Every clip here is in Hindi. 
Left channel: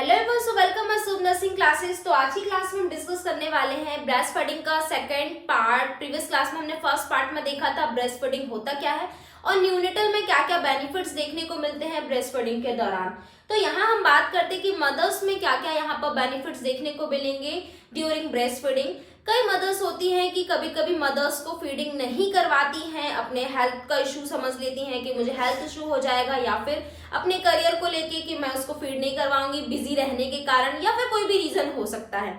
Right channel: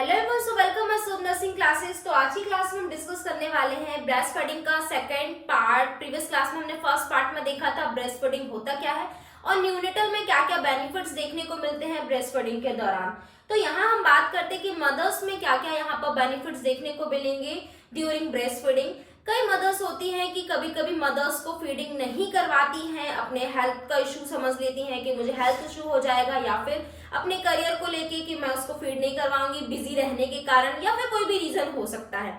Hello everyone, so welcome my सूब नर्सिंग क्लासेस। तो आज की क्लास में हम डिस्कस करने वाले हैं ब्रेस्ट फीडिंग का सेकंड पार्ट। प्रीवियस क्लास में हमने फर्स्ट पार्ट में देखा था ब्रेस्ट फीडिंग होता क्या है और न्यूनेटल में क्या क्या बेनिफिट्स देखने को मिलते हैं ब्रेस्ट फीडिंग के दौरान। तो यहाँ हम बात करते हैं कि मदर्स में क्या क्या यहाँ पर बेनिफिट्स देखने को मिलेंगे ड्यूरिंग ब्रेस्ट फीडिंग। कई मदर्स होती हैं कि कभी कभी मदर्स को फीडिंग नहीं करवाती हैं, अपने हेल्थ का इशू समझ लेती हैं कि मुझे हेल्थ इशू हो जाएगा, या फिर अपने करियर को लेके कि मैं उसको फीड नहीं करवाऊंगी बिजी रहने के कारण, या फिर कोई भी रीजन हो सकता है।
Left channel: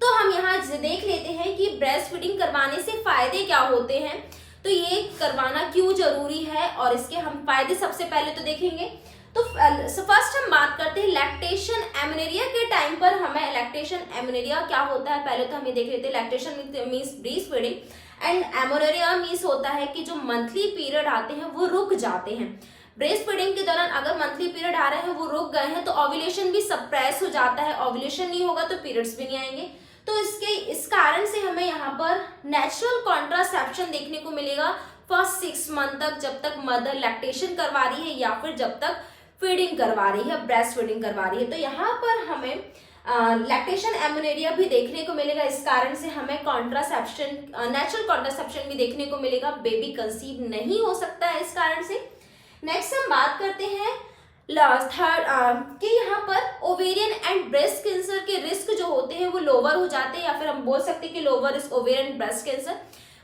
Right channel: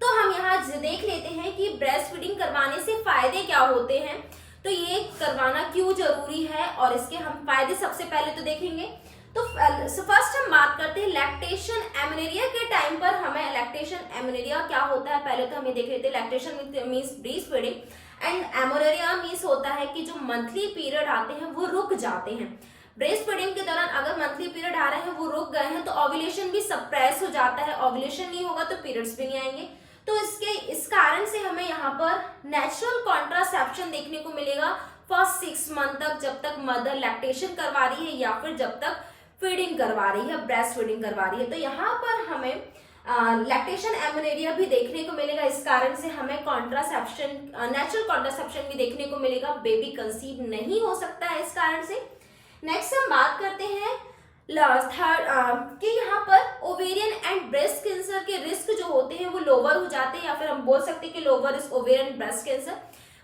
तो हम यहाँ देख लेते हैं कि ब्रेस्ट फीडिंग करवाने से फायदे क्या होते हैं, तो ये करवाना क्यों जरूरी है और इसके हम फायदे सबसे पहले तो देखेंगे। तो फर्स्ट हम बात करते हैं लैक्टेशन एमेनोरिया के टाइम पर हमें लैक्टेशन एमेनोरिया क्या होता है पहले तो हम ये देख लेते हैं। Lactation means breast feeding and amenorrhea means होता है कि जो मंथली पीरियड आते हैं वो रुक जाते हैं। ब्रेस्ट फीडिंग के दौरान अगर मंथली पीरियड आ रहे हैं वो रुक गए हैं तो ओव्यूलेशन भी सप्रेस हो जाता है, ओव्यूलेशन नहीं होगा तो पीरियड्स भी नहीं आएंगे। तो इस कारण से हमें यहाँ पर नेचुरल कॉन्ट्रासेप्शन देखने को मिलेगा फर्स्ट 6 मंथ तक, जब तक मदर लैक्टेशन करवा रही है या फिर जब तक फीडिंग करवा रही है, ब्रेस्ट फीडिंग करवा रही है। तो यहाँ पर हमें लैक्टेशन एमेनोरिया भी देखने को मिलेगा। इस कारण से हमें कॉन्ट्रासेप्शन नेचुरल कॉन्ट्रासेप्शन भी देखने को मिलेगा, बेबी कंसीव नहीं हो सकता है इस कारण से। नेक्स्ट हम बात करते हैं थर्ड कि यहाँ पर ओवेरियन एंड ब्रेस्ट कैंसर के रिस्क जो होते हैं वो लोअर हो जाते हैं, या फिर हम बोल सकते हैं कि lower is ovarian breast cancer.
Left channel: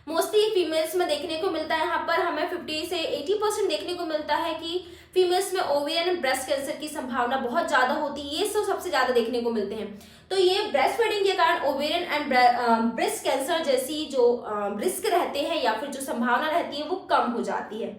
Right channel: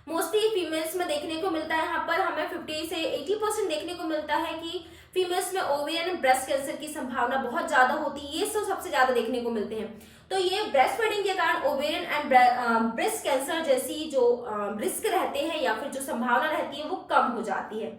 Mostly females में देखने को मिलता है, यहाँ पर हमें 50 से 80% देखने को मिलता है कि फीमेल्स में ओवेरियन एंड ब्रेस्ट कैंसर की संभावना बहुत ज्यादा होती है। ये सबसे ज्यादा देखने को मिलते हैं। तो ये ब्रेस्ट फीडिंग के कारण ओवेरियन एंड ब्रेस्ट कैंसर जैसी जो रिस्क रहते हैं या फिर जो संभावना रहती है वो कम हो जाती है।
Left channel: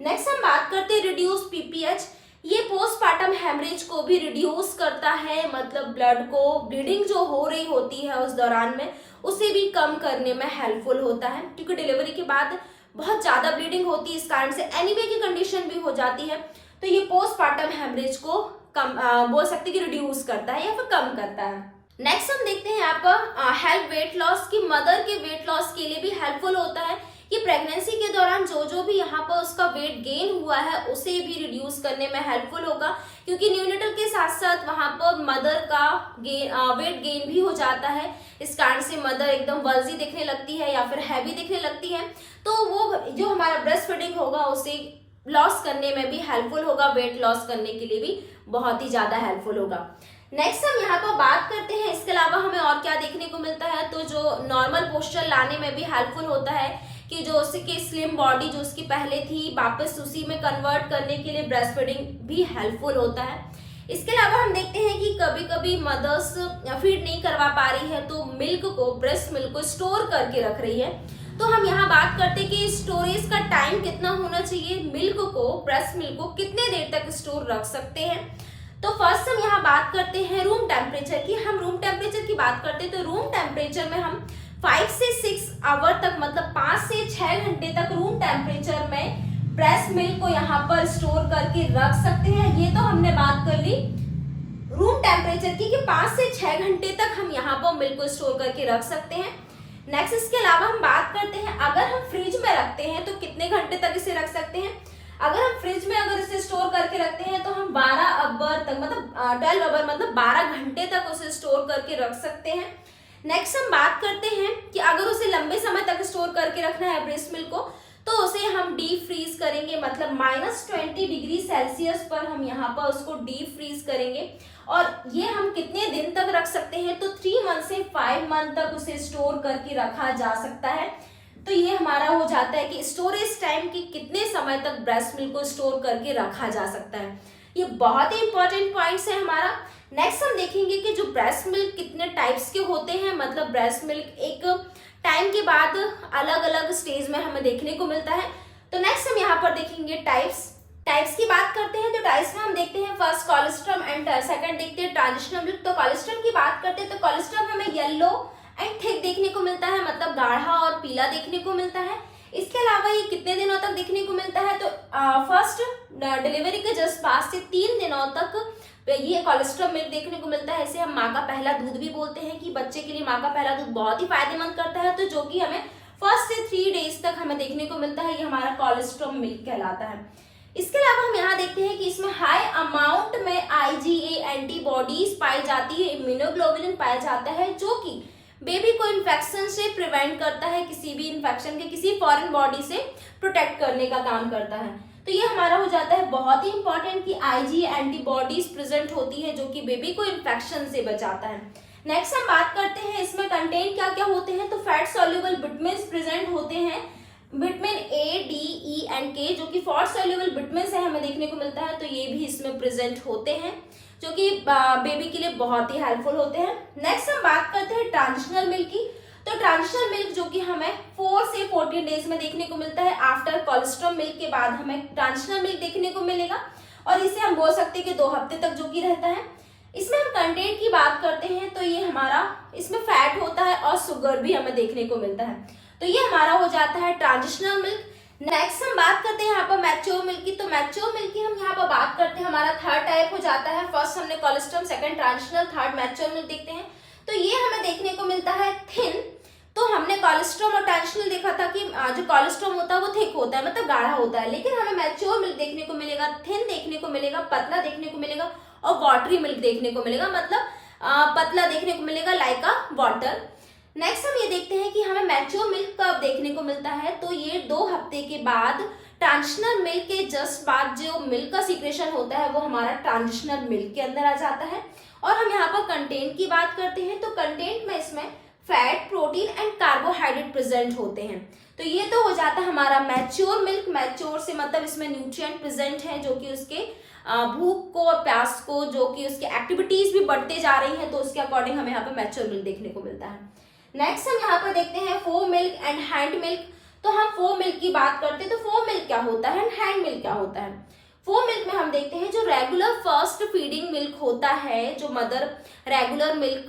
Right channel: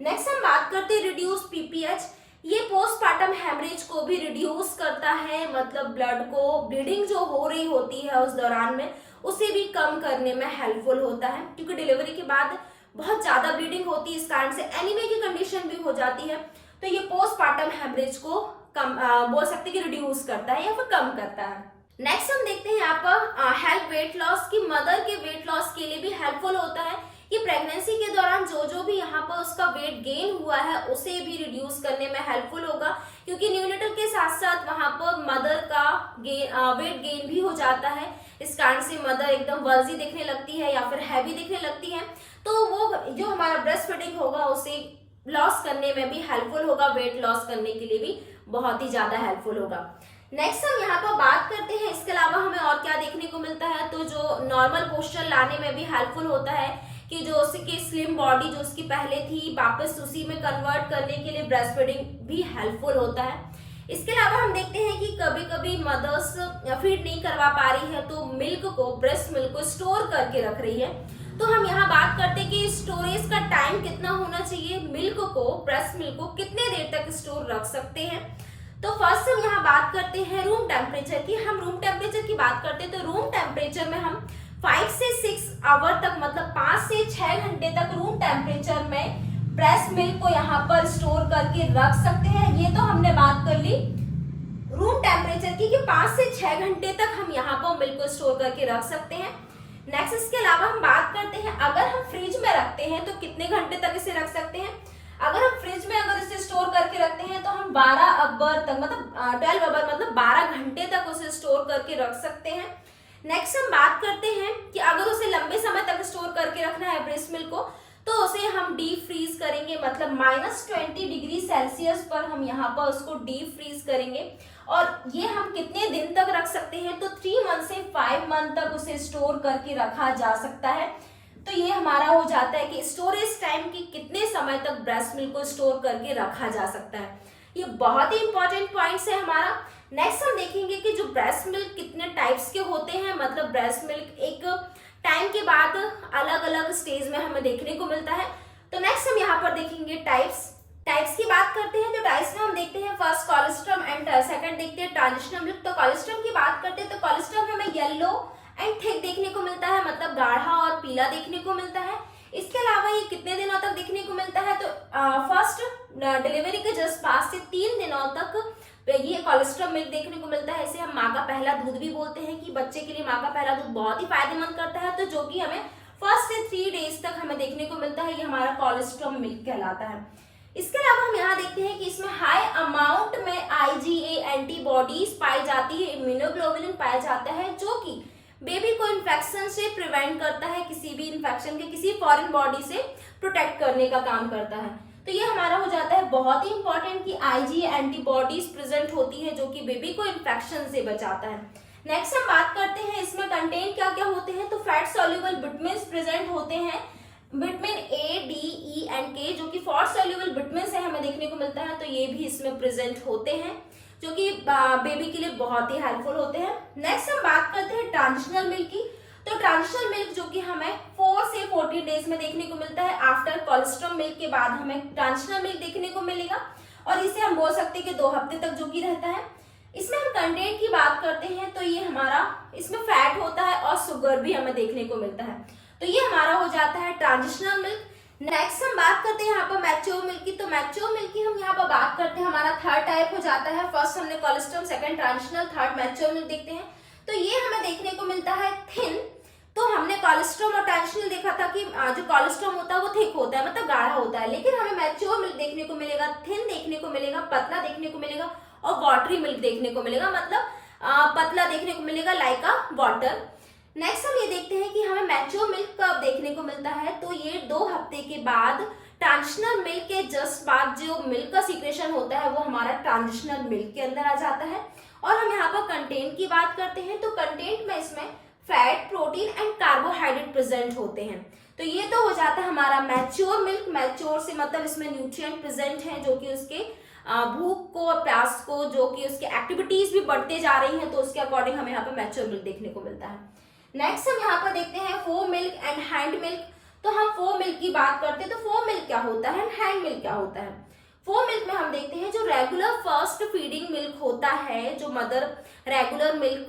नेक्स्ट हम बात करते हैं रिड्यूस पीपीएच। ये पोस्टपार्टम हेमरेज को भी रिड्यूस करता है, मतलब ब्लड को ब्लीडिंग जो हो रही होती है उस दौरान में उसे भी कम करने में हेल्पफुल होता है, क्योंकि डिलीवरी के बाद बहुत ज्यादा ब्लीडिंग होती है, इस कारण से एनीमिया की कंडीशन भी हो जाती है। तो ये पोस्टपार्टम हेमरेज को कम बोल सकते हैं कि रिड्यूस करता है या फिर कम करता है। नेक्स्ट हम देखते हैं यहाँ पर हेल्प वेट लॉस की। मदर के वेट लॉस के लिए भी हेल्पफुल होता है कि प्रेगनेंसी के दौरान जो भी यहाँ पर उसका वेट गेन हुआ है उसे भी रिड्यूस करने में हेल्पफुल होगा, क्योंकि न्यूनेटल के साथ साथ वहाँ पर मदर का वेट गेन भी हो जाता है। इस कारण से मदर एकदम वर्जी दिखने लगती है या फिर हैवी दिखने लगती है, तो वो जो हमारा ब्रेस्ट फीडिंग होगा उसे लॉस करने में भी हेल्पफुल होगा, वेट लॉस करने के लिए भी बहुत ही ज्यादा हेल्पफुल होगा। नेक्स्ट हम यहाँ पर बात करते हैं इसके अलावा हमें और क्या देखने को मिलता है, तो जो नॉर्मल पोस्चर लाने में भी हेल्पफुल होता है कि जो उसकी स्लिम बॉडी जो उसकी पहले थी वापस उसी में कन्वर्ट करने के लिए ब्रेस्ट फीडिंग भी हेल्पफुल होता है। इसके अलावा हम देखते हैं कि कभी कभी मदर्स फीड नहीं करवा पा रही है तो मिल्क को, ब्रेस्ट मिल्क को स्टोर करके रख रही है। तो हम यहाँ बात करते हैं कि स्टोरेज का टाइम कितना होना चाहिए, मिल्क को, ब्रेस्ट मिल्क को कितने देर तक स्टोर रख सकते हैं। तो फर्स्ट हम यहाँ बात करते हैं रूम टेम्परेचर की। हम रूम टेम्परेचर की बात करते हैं तो रूम टेम्परेचर में हम 5 से 6 आवर तक, मतलब 5 से 6 घंटे तक रूम टेम्परेचर में ब्रेस्ट मिल्क को यहाँ पर स्टोर करके रख सकते हैं। ये तो हमने बात कर ली रूम टेम्परेचर की कि 5 से 6 घंटे तक हम यहाँ पर मिल्क को स्टोर करके रख सकते हैं। नेक्स्ट इसके अलावा हम बात करते हैं अगर हम फ्रिज में रखते हैं तो कितने घंटे तक इसे रख सकते हैं। अगर हम फ्रिज में अगर इसे स्टोर करके रखते हैं तो हम 12 आवर तक, मतलब 12 आवर मतलब 12 घंटे तक उसे स्टोर करके रख सकते हैं। नेक्स्ट हम बात करते हैं कि अगर उसे लंबे समय तक स्टोर करके रखना है ब्रेस्ट मिल्क को, तो उसे हम डीप फ्रीज करेंगे, मतलब -20 डिग्री सेल्सियस पर हम यहाँ पर उसको डीप फ्रीज करेंगे। और ये हम कितने दिन तक रख सकते हैं, तो 3 मंथ से 5 मंथ तक उसे स्टोर करके रखा जा सकता है। तो ये हमारा हो जाता है कि स्टोरेज टाइम की कितने समय तक ब्रेस्ट मिल्क को स्टोर करके रखा जा सकता है। ये बहुत ही इंपॉर्टेंट पॉइंट्स है हमारा। नेक्स्ट हम देखेंगे कि जो ब्रेस्ट मिल्क कितने टाइप्स के होते हैं, मतलब ब्रेस्ट मिल्क एक टाइम के बाद अलग अलग स्टेज में हमें देखने को मिलता है। तो नेक्स्ट हम यहाँ पर देखेंगे टाइप्स की बात करते हैं। तो टाइप्स में हम देखते हैं फर्स्ट कोलेस्ट्रम एंड सेकंड देखते हैं ट्रांजिशनल मिल्क। तो कोलेस्ट्रम की बात करते हैं तो कोलेस्ट्रम हमें येलो एंड थिक देखने को मिलता है, मतलब गाढ़ा और पीला देखने को मिलता है। इसके अलावा ये कितने दिनों तक देखने को मिलता है, तो फर्स्ट डिलीवरी के जस्ट 5 से 3 दिनों तक ये कोलेस्ट्रॉल मिल्क देखने को मिलता है। इसे हम माँ का पहला दूध भी बोलते हैं कि बच्चे के लिए माँ का पहला दूध बहुत ही फायदेमंद करता है। तो जो कि हमें फर्स्ट से 3 डेज तक हमें देखने को मिलता है, ये हमारा कोलेस्ट्रॉल मिल्क कहलाता है। इसके अलावा हम यहाँ देखते हैं कि इसमें हाई अमाउंट में IgA एंटीबॉडीज पाई जाती है, इम्यूनोग्लोबुलिन पाया जाता है, जो कि बेबी को इन्फेक्शन से प्रिवेंट करता है, किसी भी इन्फेक्शन के किसी फॉरेन बॉडी से प्रोटेक्ट करने का काम करता है। तो ये हमारा हो जाता है बहुत ही इंपॉर्टेंट कि IgA एंटीबॉडीज प्रेजेंट होती है जो कि बेबी को इन्फेक्शन से बचाता है। नेक्स्ट हम बात करते हैं इसमें कंटेंट क्या क्या होते हैं। तो फैट सॉल्युबल विटामिन्स प्रेजेंट होते हैं, vitamin A, D, E and K, जो कि फैट सॉल्युबल विटामिन्स है हमें देखने को मिलता है, तो ये भी इसमें प्रेजेंट होते हैं जो कि बेबी के लिए बहुत ही हेल्पफुल होते हैं। नेक्स्ट हम बात करते हैं ट्रांजिशनल मिल्क की। तो ट्रांजिशनल मिल्क जो कि हमें 4 से 14 डेज में देखने को मिलता है, आफ्टर कोलेस्ट्रॉल मिल्क के बाद हमें ट्रांजिशनल मिल्क देखने को मिलेगा, और इसे हम बोल सकते हैं कि 2 हफ्ते तक जो कि रहता है। इसमें हम कंटेंट की बात करते हैं तो ये हमारा इसमें फैट होता है और शुगर भी हमें देखने को मिलता है, तो ये हमारा हो जाता है ट्रांजिशनल मिल्क। नेक्स्ट हम बात करते हैं यहाँ पर मैच्योर मिल्क की। तो मैच्योर मिल्क की हम यहाँ पर बात करते हैं, हमारा थर्ड टाइप हो जाता है। फर्स्ट हमने cholesterol, second transitional, third mature milk देखते हैं। तो ये हमें देखने को मिलता है थिन। तो हमने कोलेस्ट्रॉल और ट्रांजिशनल देखा था कि जो कोलेस्ट्रॉल होता है वो थिक होता है, मतलब गाढ़ा होता है, लेकिन हमें मैच्योर मिल्क देखने को मिलेगा, थिन देखने को मिलेगा, पतला देखने को मिलेगा और वाटरी मिल्क देखने को मिलेगा, मतलब पतला देखने को मिलेगा लाइक अ वाटर। नेक्स्ट हम ये देखते हैं कि हमें मैच्योर मिल्क कब देखने को मिलता है। तो ये 2 हफ्ते के बाद, ट्रांजिशनल मिल्क के जस्ट बाद जो मिल्क का सीक्रेशन होता है वो हमारा ट्रांजिशनल मिल्क के अंदर आ जाता है। और हम यहाँ पर कंटेंट की बात करते हैं, तो कंटेंट में इसमें fat, protein and carbohydrate present होते हैं। तो ये तो हो जाता है हमारा मैच्योर मिल्क। मैच्योर से मतलब इसमें न्यूट्रिएंट प्रेजेंट है जो कि उसके भूख को और प्यास को, जो कि उसकी एक्टिविटीज भी बढ़ते जा रही हैं, तो उसके अकॉर्डिंग हमें यहाँ पर मैच्योर मिल्क देखने को मिलता है। नेक्स्ट हम यहाँ पर देखते हैं foam milk and hand milk. तो हम फोम मिल्क की बात करते हैं, तो फोम मिल्क क्या होता है एंड हैंड मिल्क क्या होता है। फोम मिल्क में हम देखते हैं जो रेगुलर फर्स्ट फीडिंग मिल्क होता है, जो मदर रेगुलर मिल्क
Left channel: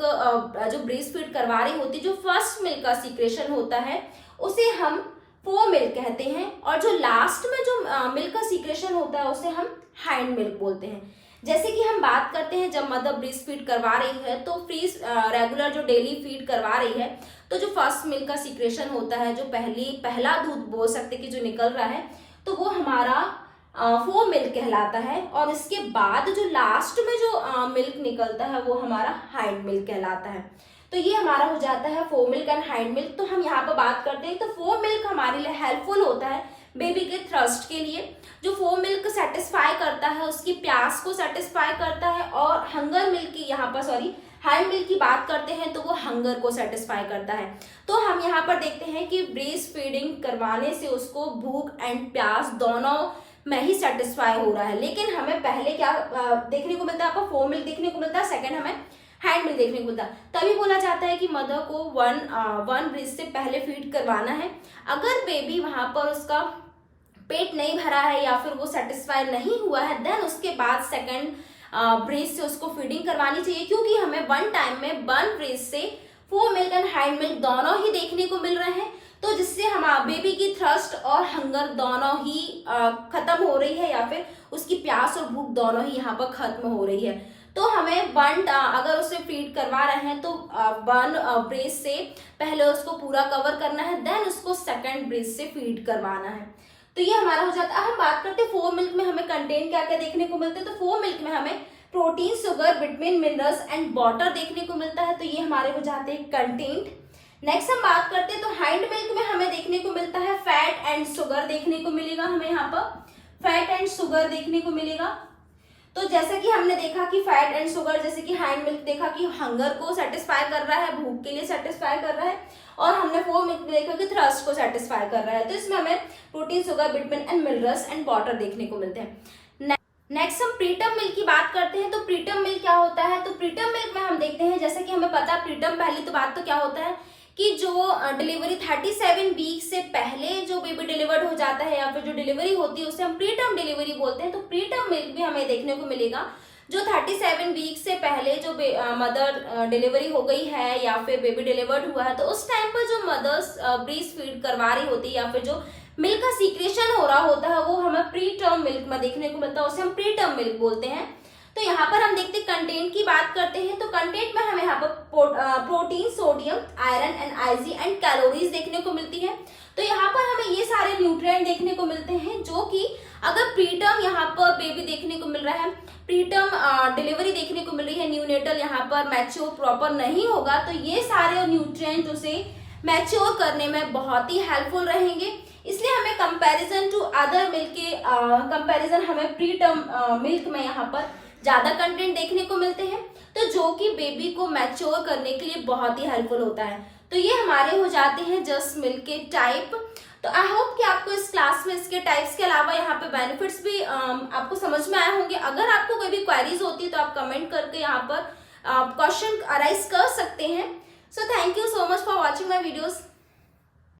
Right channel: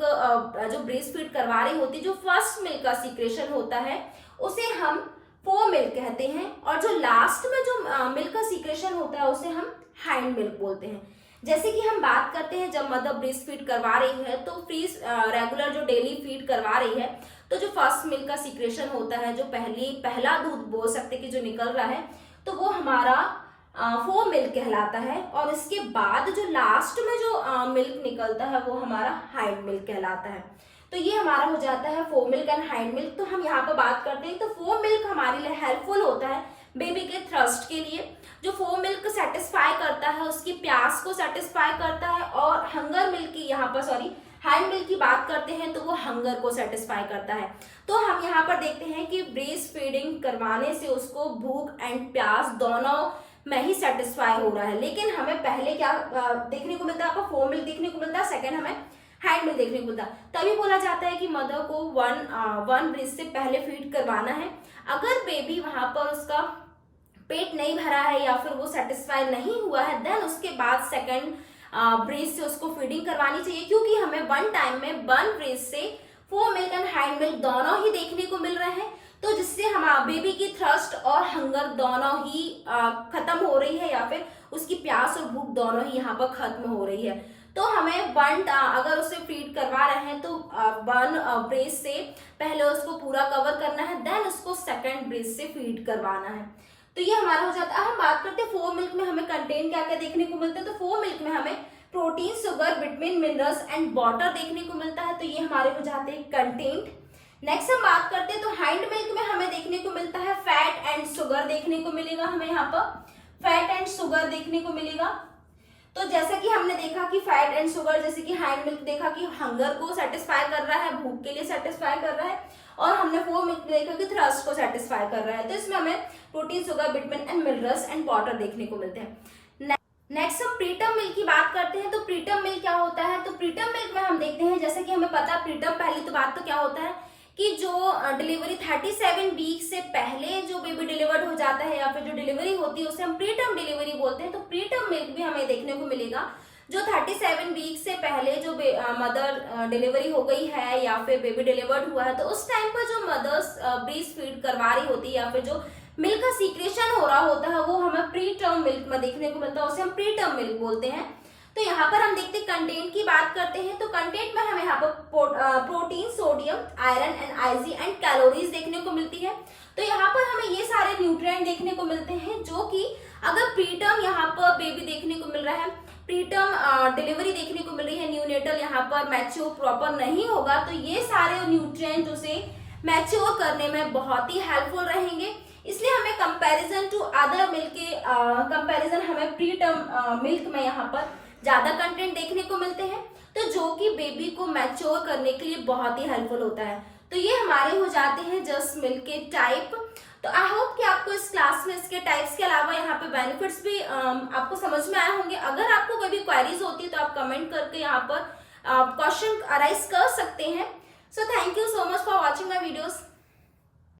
जो ब्रेस्ट फीड करवा रही होती है, जो फर्स्ट मिल्क का सीक्रेशन होता है उसे हम फोम मिल्क कहते हैं, और जो लास्ट में जो मिल्क का सीक्रेशन होता है उसे हम हैंड मिल्क बोलते हैं। जैसे कि हम बात करते हैं जब मदर ब्रेस्ट फीड करवा रही है, तो रेगुलर जो डेली फीड करवा रही है, तो जो फर्स्ट मिल्क का सीक्रेशन होता है, जो पहला दूध बोल सकते कि जो निकल रहा है, तो वो हमारा फोम मिल्क कहलाता है। और इसके बाद जो लास्ट में जो मिल्क निकलता है वो हमारा हैंड मिल्क कहलाता है। तो ये हमारा हो जाता है foam milk and hand milk. तो हम यहाँ पर बात करते हैं, तो फोम मिल्क हमारे लिए हेल्पफुल होता है बेबी के थ्रस्ट के लिए। जो फोम मिल्क सेटिस्फाई करता है, उसकी प्यास को सेटिस्फाई करता है, और हंगर मिल्क की यहाँ पर हैंड मिल्क की बात करते हैं तो वो हंगर को सेटिस्फाई करता है। तो हम यहाँ पर देखते हैं कि ब्रेस्ट फीडिंग करवाने से उसको भूख एंड प्यास दोनों में ही सेटिस्फाई हो रहा है। लेकिन हमें पहले क्या देखने को मिलता है, आपको फोम मिल्क देखने को मिलता है, सेकंड हमें हैंड मिल्क देखने को मिलता है। तभी बोला जाता है कि मदर को वन ब्रेस्ट से पहले फीड करवाना है। अगर बेबी वहां पर उसका पेट नहीं भरा है या फिर वो सेटिस्फाई नहीं हुआ है, देन उसके बाद सेकंड ब्रेस्ट से उसको फीडिंग करवानी चाहिए, क्योंकि हमें वन टाइम में वन ब्रेस्ट से foam milk and hand milk दोनों ही देखने को मिल रहे हैं। तो जिससे हमारा बेबी की थ्रस्ट और हंगर दोनों ही खत्म हो रही है, या फिर उसकी प्यास और भूख दोनों ही यहाँ पर खत्म हो रही है। तो हमें अगर उसे फीड करवा रहे हैं तो वन ब्रेस्ट से पहले उसको पूरा कवर करना है, देन उसको सेकंड ब्रेस्ट से फीड करवाना है। तो ये हमारा हो जाता है। हम बात करते हैं फोम मिल्क में हमें कंटेंट क्या क्या देखने को मिलता है। तो फोम मिल्क में हमें protein, sugar, vitamin, minerals and water देखने को मिलता है। तो ये हमारे हो जाते हैं कंटेंट। नेक्स्ट हम बात करते हैं, तो हैंड मिल्क में हमें देखने को मिलता है फैट एंड शुगर देखने को मिलेगा। हमें यहाँ पर फैट एंड शुगर देखने को मिलेगा। तो जैसा कि हमने देखा कि फैट एंड शुगर, जैसे कि हैंड मिल्क देखा कि हंगर को सेटिस्फाई कर रहा है, भूख के लिए सेटिस्फाई कर रहा है, और हमने फोम मिल्क देखा कि थ्रस्ट को सेटिस्फाई कर रहा है। तो इसमें हमें protein, sugar, vitamin and minerals and water देखने को मिलते हैं। नेक्स्ट हम प्रीटर्म मिल्क की बात करते हैं। तो प्रीटर्म मिल्क क्या होता है। तो प्रीटर्म मिल्क में हम देखते हैं, जैसे कि हमें पता है प्रीटर्म, पहली तो बात तो क्या होता है कि जो डिलीवरी 37 वीक से पहले जो बेबी डिलीवर्ड हो जाता है, या फिर जो डिलीवरी होती है उसे हम प्रीटर्म डिलीवरी बोलते हैं। तो प्रीटर्म मिल्क भी हमें देखने को मिलेगा जो 37 वीक से पहले जो मदर डिलीवरी हो गई है या फिर बेबी डिलीवर्ड हुआ है, तो उस टाइम पर जो मदर्स ब्रेस्ट फीड करवा रही होती है या फिर जो मिल्क का सीक्रेशन हो रहा होता है, वो हमें प्रीटर्म मिल्क में देखने को मिलता है, उसे हम प्रीटर्म मिल्क बोलते हैं। तो यहाँ पर हम देखते हैं कंटेंट की बात करते हैं। तो कंटेंट में हमें यहाँ पर protein, sodium, iron and IG and calories देखने को मिलती है। तो यहाँ पर हमें ये सारे न्यूट्रिएंट देखने को मिलते हैं जो कि अगर प्रीटर्म यहाँ पर बेबी देखने को मिल रहा है, प्रीटर्म डिलीवरी देखने को मिल रही है, न्यूनेटल यहाँ पर मैच्योर प्रॉपर नहीं होगा, तो ये सारे न्यूट्रिएंट उसे मैच्योर करने में बहुत ही हेल्पफुल रहेंगे। इसलिए हमें कंपैरिजन टू अदर मिल्क के कंपैरिजन हमें प्रीटर्म मिल्क में यहाँ पर ज्यादा कंटेंट देखने को मिलते हैं, तो जो कि बेबी को मैच्योर करने के लिए बहुत ही हेल्पफुल होता है। तो ये हमारे हो जाते हैं जस्ट मिल्क के टाइप। तो आई होप कि आपको इस क्लास में इसके टाइप्स के अलावा यहाँ पे बेनिफिट्स भी आपको समझ में आए होंगे। अगर आपको कोई भी क्वेरीज होती है तो आप कमेंट करके यहाँ पर क्वेश्चन अराइज कर सकते हैं। So thank you so much for watching my videos.